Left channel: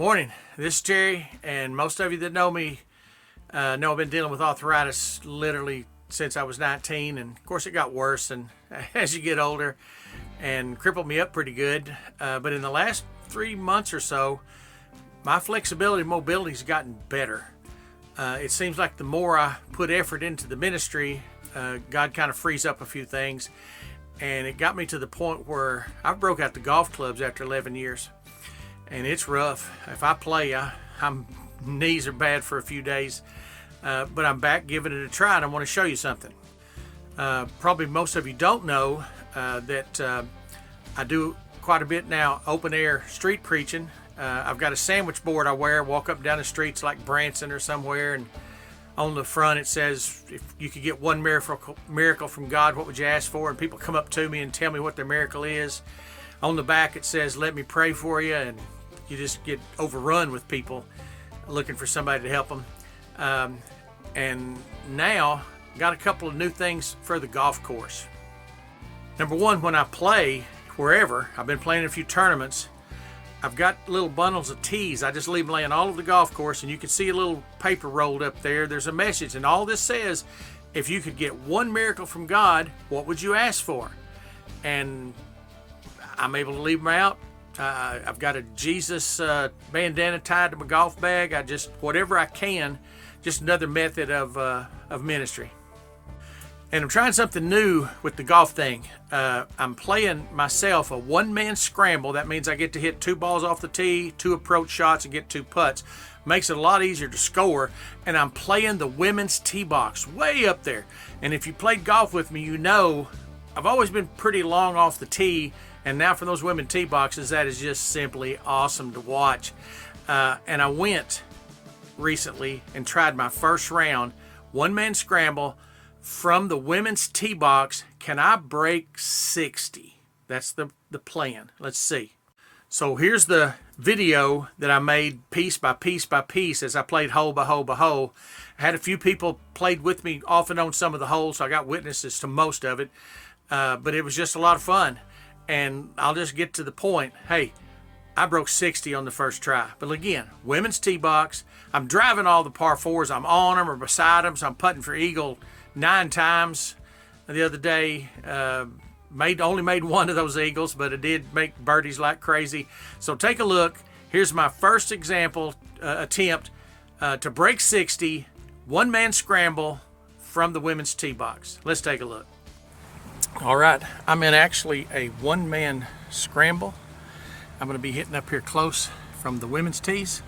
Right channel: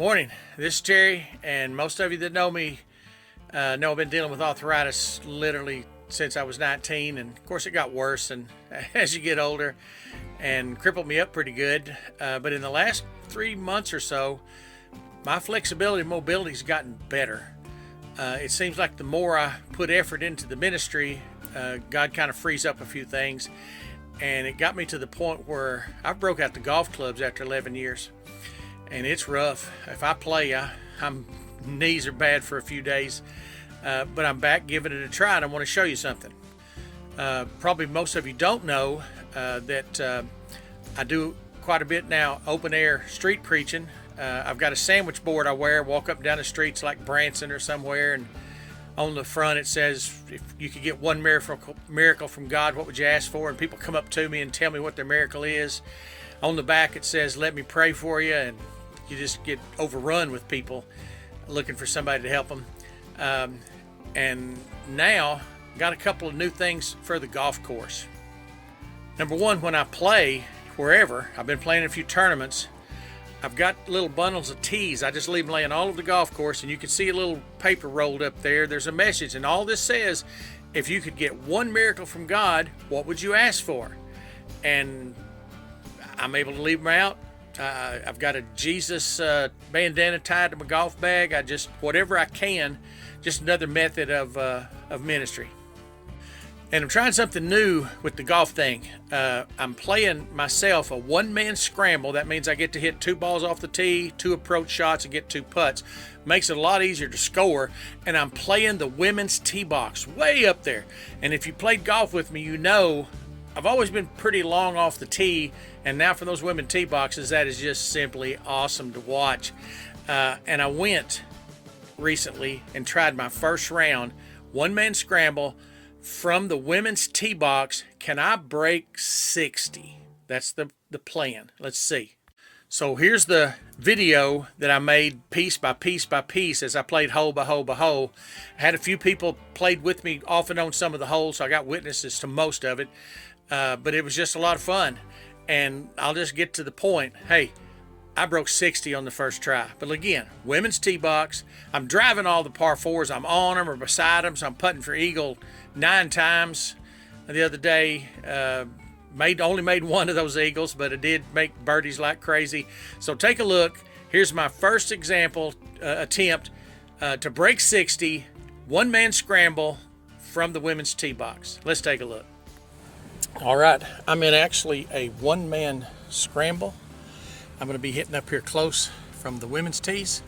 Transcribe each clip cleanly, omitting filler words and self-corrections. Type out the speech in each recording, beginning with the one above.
Morning, this is Terry, and most of you that know me know I've been dealing with arthritis literally since I was 19, and of course it got worse and as you get older and crippled me up pretty good. But in the last 3 months or so, my flexibility and mobility has gotten better. It seems like the more I put effort into the ministry, God kind of frees up a few things, and it got me to the point where I broke out the golf clubs after 11 years. And it's rough. If I play, I'm knees are bad for a few days, but I'm back giving it a try, and I want to show you something. Probably most of you don't know that I do quite a bit now open air street preaching. I've got a sandwich board I wear, walk up and down the streets like Branson or somewhere, and on the front it says, if you could get one miracle from God, what would you ask for? And people come up to me and tell me what their miracle is. On the back it says, let me pray for you, and you just get overrun with people looking for somebody to help them. And now got a couple of new things for the golf course. Number one, when I play wherever, I've been playing a few tournaments, I've got little bundles of tees. I just leave them laying all over the golf course, and you can see a little paper rolled up there. There's a message, and all this says, if you could get one miracle from God, what would you ask for? And I'm able to leave them out. I've got a Jesus bandana tied to my golf bag. I just, whatever I can, just another method of ministry. And I'm trying something new with the golf thing. I'm playing myself a one-man scramble. That means I get to hit 2 balls off the tee, 2 approach shots, and get 2 putts. Makes it a lot easier to score. And I'm playing the women's tee box way up there. And if you played golf with me, you know I've always been pretty long off the tee. And now for those women tee boxes, that is just simply awesome to watch. And I went recently and tried my first round, one-man scramble from the women's tee box. Can I break 60? That's the plan. Let's see. So here's the video that I made piece by piece by piece as I played hole by hole by hole. I had a few people played with me off and on some of the holes, so I got witnesses to most of it. But it was just a lot of fun. And I'll just get to the point. Hey, I broke 60 on the first try. But again, women's tee box. I'm driving all the par 4s. I'm on them or beside them. So I'm putting for eagle 9 times. The other day, only made one of those eagles, but it did make birdies like crazy. So take a look. Here's my first example attempt to break 60, one-man scramble from the women's tee box. Let's take a look. All right, I'm in actually a one-man scramble. I'm going to be hitting up here close from the women's tees,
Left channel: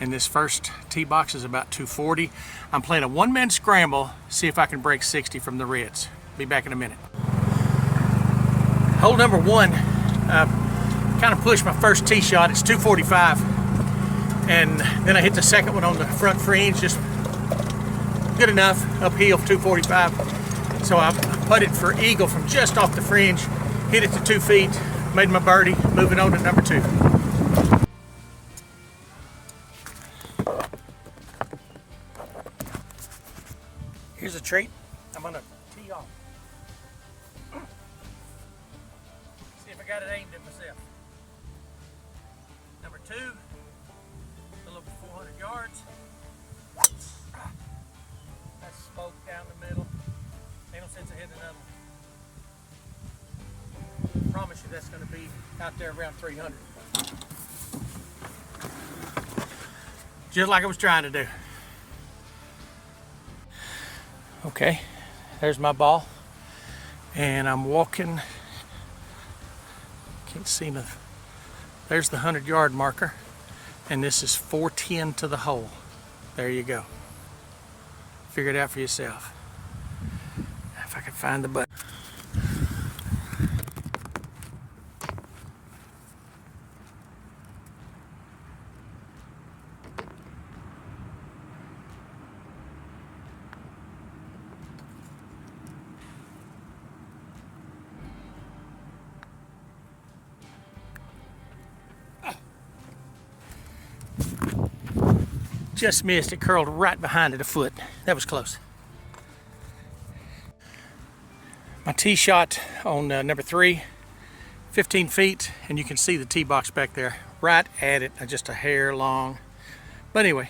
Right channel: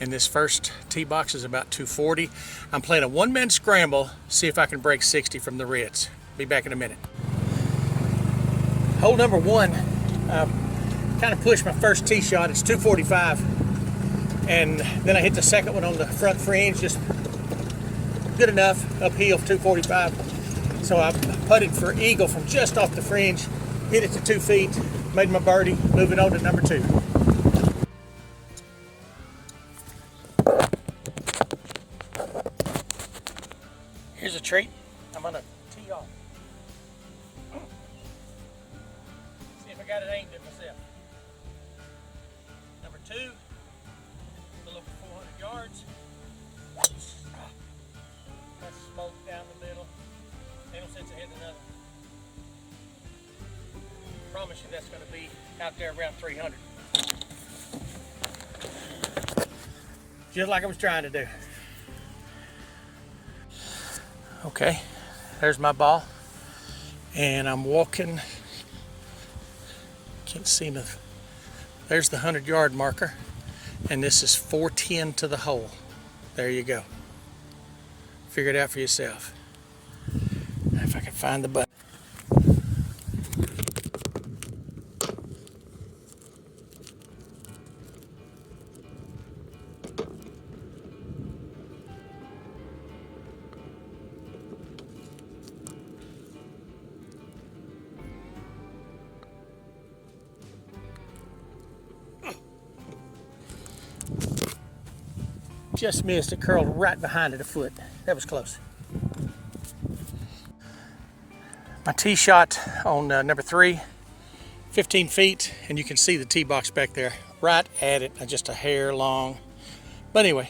and this first tee box is about 240. I'm playing a one-man scramble, see if I can break 60 from the reds. Be back in a minute. Hole number 1, I kind of pushed my first tee shot. It's 245, and then I hit the second one on the front fringe, just good enough, uphill 245. So I putted for eagle from just off the fringe, hit it to 2 feet, made my birdie, moving on to number 2. Here's a treat. I'm gonna tee off. See if I got it aimed at myself. Number 2, a little over 400 yards. Smoke down the middle. Promise you that's going to be out there around 300. Just like I was trying to do. Okay, there's my ball. And I'm walking. Can't see nothing. There's the 100-yard marker. And this is 410 to the hole. There you go. Figure it out for yourself. If I can find the button. Just missed. It curled right behind it a foot. That was close. My tee shot on number 3, 15 feet, and you can see the tee box back there. right at it, just a hair long. But anyway,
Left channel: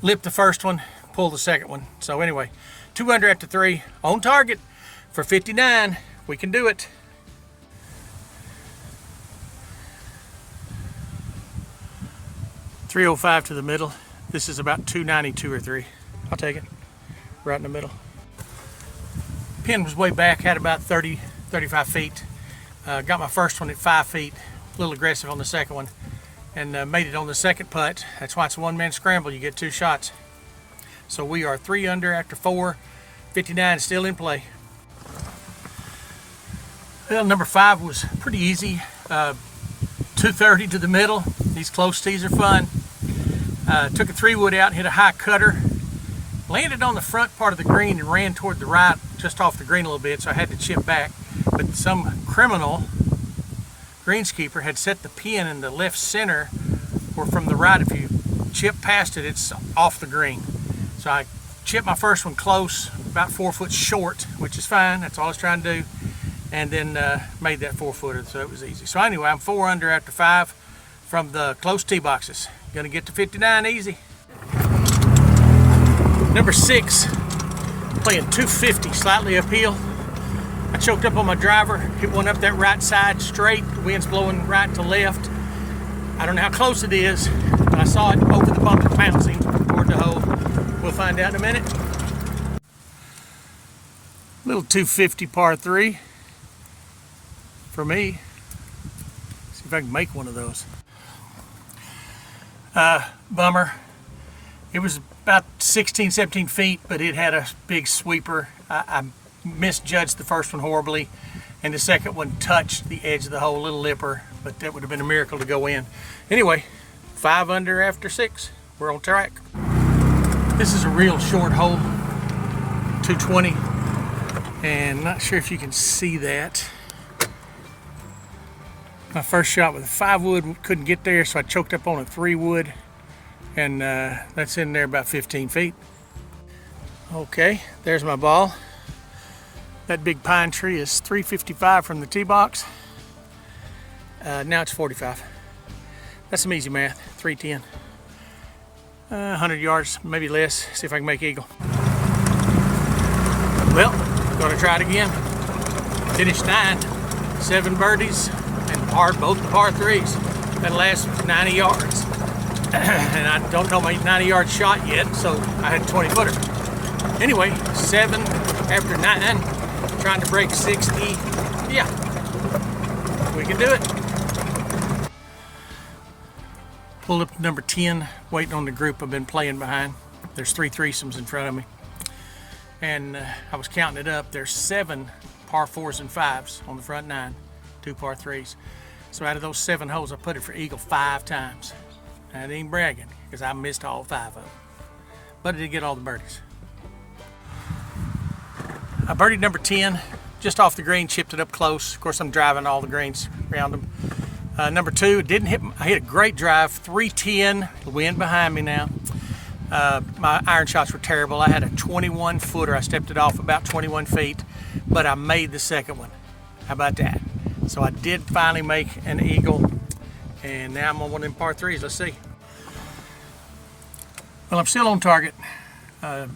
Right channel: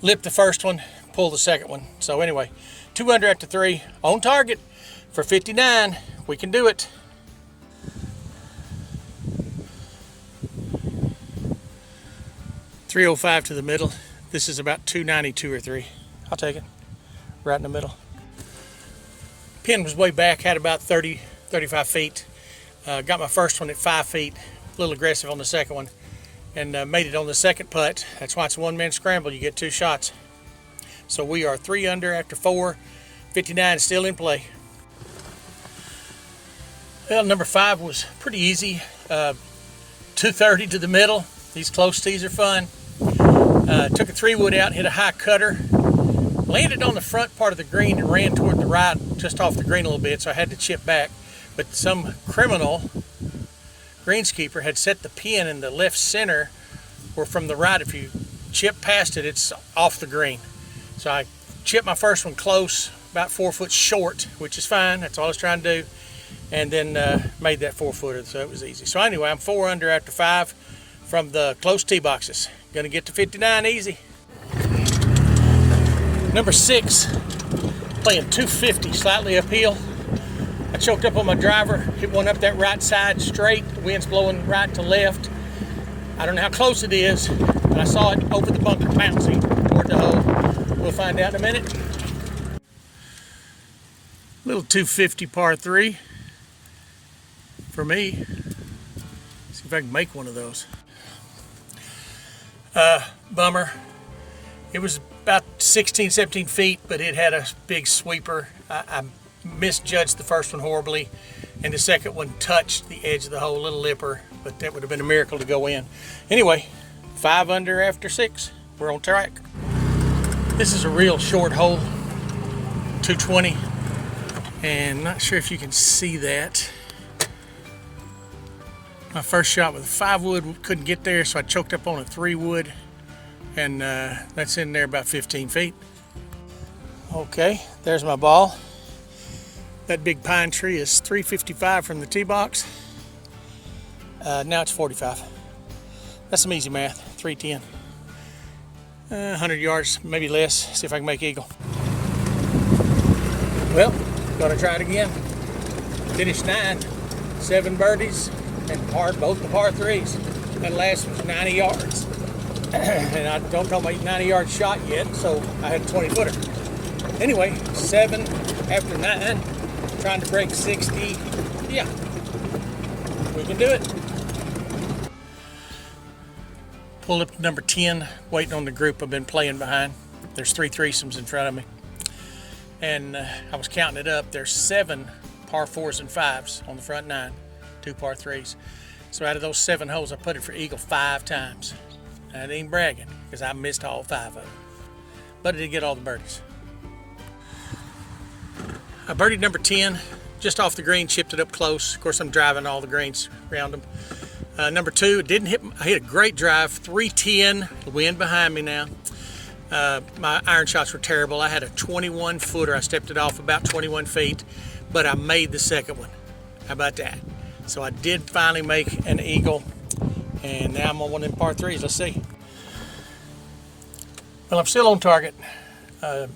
lip the first one, pull the second one. So anyway, 2 under after 3, on target for 59. We can do it. .305 to the middle. This is about 292 or 3. I'll take it. Right in the middle. Pin was way back, had about 30, 35 feet. Got my first one at 5 feet. A little aggressive on the second one. And made it on the second putt. That's why it's a one-man scramble. You get 2 shots. So we are 3 under after 4. 59 still in play. Well, number 5 was pretty easy. 230 to the middle. These close tees are fun. Took a 3-wood out, hit a high cutter. Landed on the front part of the green and ran toward the right, just off the green a little bit, so I had to chip back. But some criminal greenskeeper had set the pin in the left center, or from the right. If you chip past it, it's off the green. So I chipped my first one close, about 4 foot short, which is fine. That's all I was trying to do. And then made that 4-footer, so it was easy. So anyway, I'm 4 under after 5 from the close tee boxes. Gonna get to 59 easy. Number 6, playing 250, slightly uphill. I choked up on my driver, hit one up that right side straight. The wind's blowing right to left. I don't know how close it is, but I saw it over the bump and bouncing toward the hole. We'll find out in a minute. Little 250 par 3 for me. See if I can make one of those. Bummer. It was about 16, 17 feet, but it had a big sweeper. I misjudged the first one horribly, and the second one touched the edge of the hole, little lipper, but that would have been a miracle to go in. Anyway, 5 under after 6. We're on track. This is a real short hole, 220, and not sure if you can see that. My first shot with a 5-wood, couldn't get there, so I choked up on a 3-wood, and that's in there about 15 feet. Okay, there's my ball. That big pine tree is 355 from the tee box. Now it's 45. That's some easy math, 310. 100 yards, maybe less. See if I can make eagle. Well, gonna try it again. Finished 9, 7 birdies, and both par 3s. That last 90 yards. And I don't know my 90-yard shot yet, so I had a 20-footer. Anyway, 7 after 9, trying to break 60. Yeah, we can do it. Pulled up to number 10, waiting on the group I've been playing behind. There's 3 threesomes in front of me. And I was counting it up. There's 7 par 4s and 5s on the front 9, 2 par 3s. So out of those 7 holes, I put it for eagle 5 times. And I ain't bragging, because I missed all 5 of them. But I did get all the birdies. I birdied number 10, just off the green, chipped it up close. Of course, I'm driving all the greens around them. Number 2, it didn't hit. I hit a great drive, 310, the wind behind me now. My iron shots were terrible. I had a 21-footer. I stepped it off about 21 feet, but I made the second one. How about that? So I did finally make an eagle. And now I'm on one of them par 3s. Let's see. Well, I'm still on target. 10,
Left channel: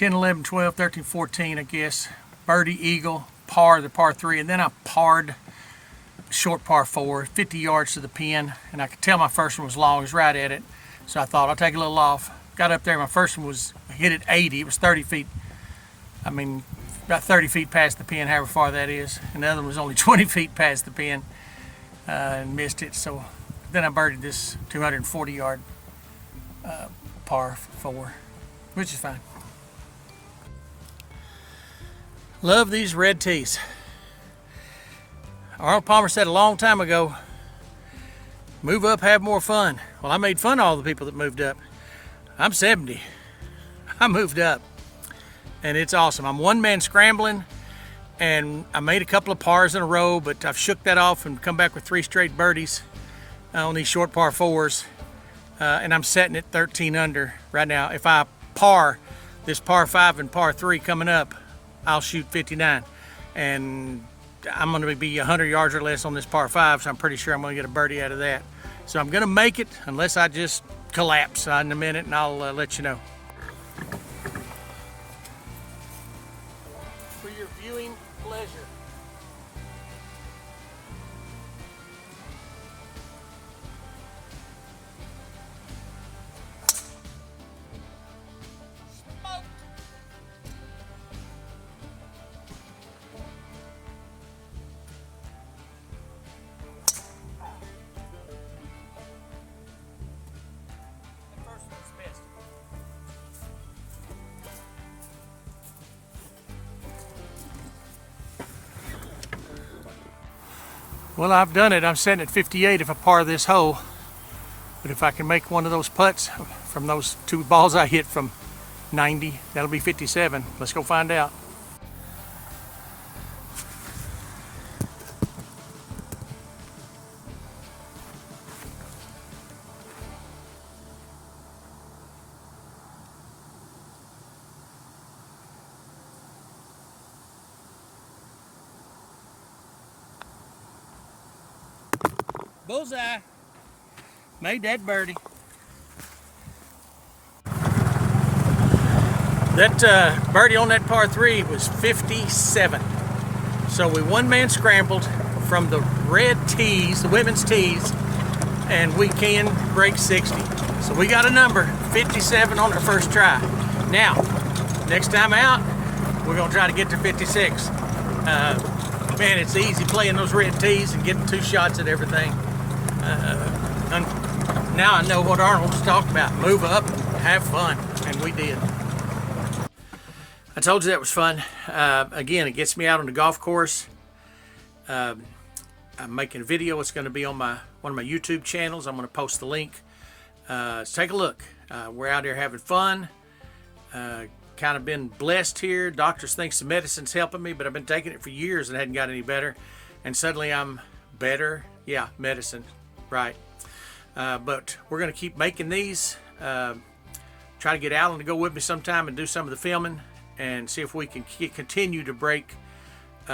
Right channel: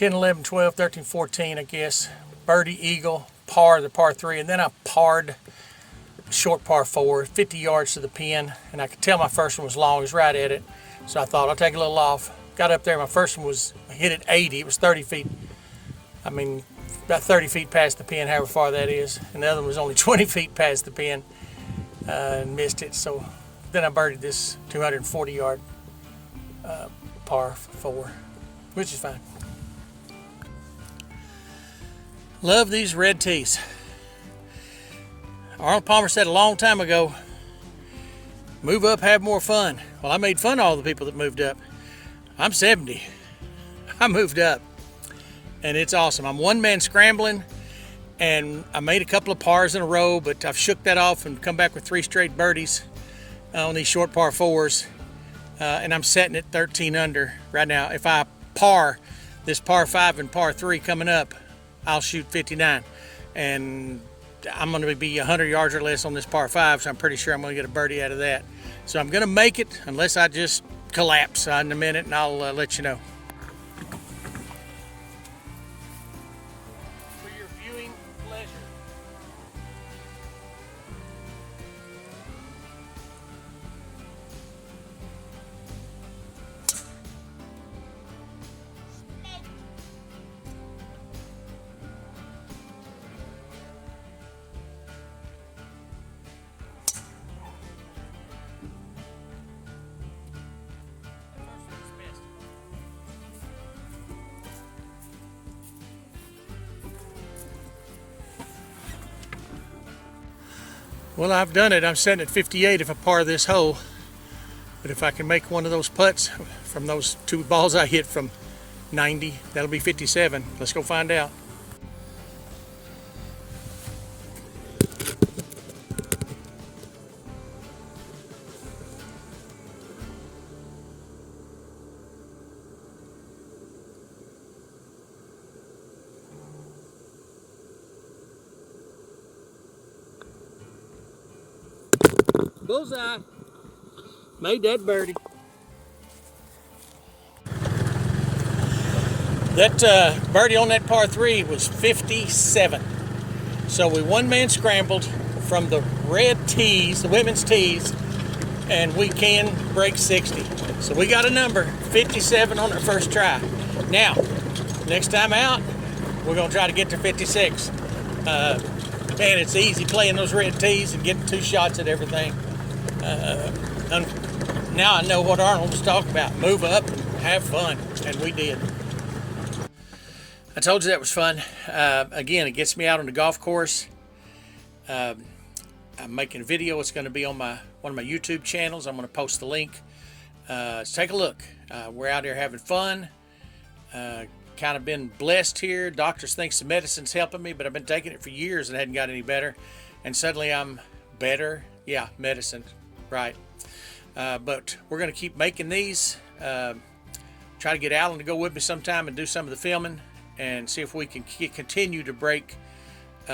11, 12, 13, 14, I guess. Birdie, eagle, par, the par 3. And then I parred short par 4, 50 yards to the pin. And I could tell my first one was long. It was right at it. So I thought I'll take a little off. Got up there. My first one was hit at 80. It was 30 feet. I mean, about 30 feet past the pin, however far that is. And the other one was only 20 feet past the pin. And missed it. So then I birdied this 240-yard par 4, which is fine. Love these red tees. Arnold Palmer said a long time ago, move up, have more fun. Well, I made fun of all the people that moved up. I'm 70. I moved up. And it's awesome. I'm one-man scrambling. And I made a couple of pars in a row, but I've shook that off and come back with 3 straight birdies on these short par 4s. And I'm setting it 13 under right now. If I par this par 5 and par 3 coming up, I'll shoot 59. And I'm going to be 100 yards or less on this par 5, so I'm pretty sure I'm going to get a birdie out of that. So I'm going to make it unless I just collapse in a minute, and I'll let you know. For your viewing pleasure. Well, I've done it. I'm sitting at 58 if I par this hole. But if I can make one of those putts from those 2 balls I hit from 90, that'll be 57. Let's go find out. Bullseye. Made that birdie. That birdie on that par 3 was 57. So we one-man scrambled from the red tees, the women's tees, and we can break 60. So we got a number, 57 on our first try. Now, next time out, we're gonna try to get to 56. Man, it's easy playing those red tees and getting 2 shots at everything. Now I know what Arnold was talking about. Move up, have fun, and we did. I told you that was fun. Again, it gets me out on the golf course. I'm making a video. It's going to be on one of my YouTube channels. I'm going to post the link. So take a look. We're out here having fun. Kind of been blessed here. Doctors think the medicine's helping me, but I've been taking it for years and hadn't got any better. And suddenly I'm better. Yeah, medicine, right. But we're going to keep making these. Try to get Alan to go with me sometime and do some of the filming and see if we can continue to break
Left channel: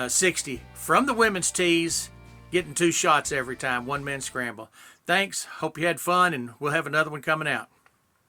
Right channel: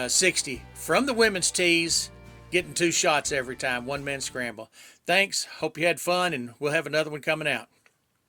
60 from the women's tees, getting 2 shots every time, one-man scramble. Thanks. Hope you had fun, and we'll have another one coming out.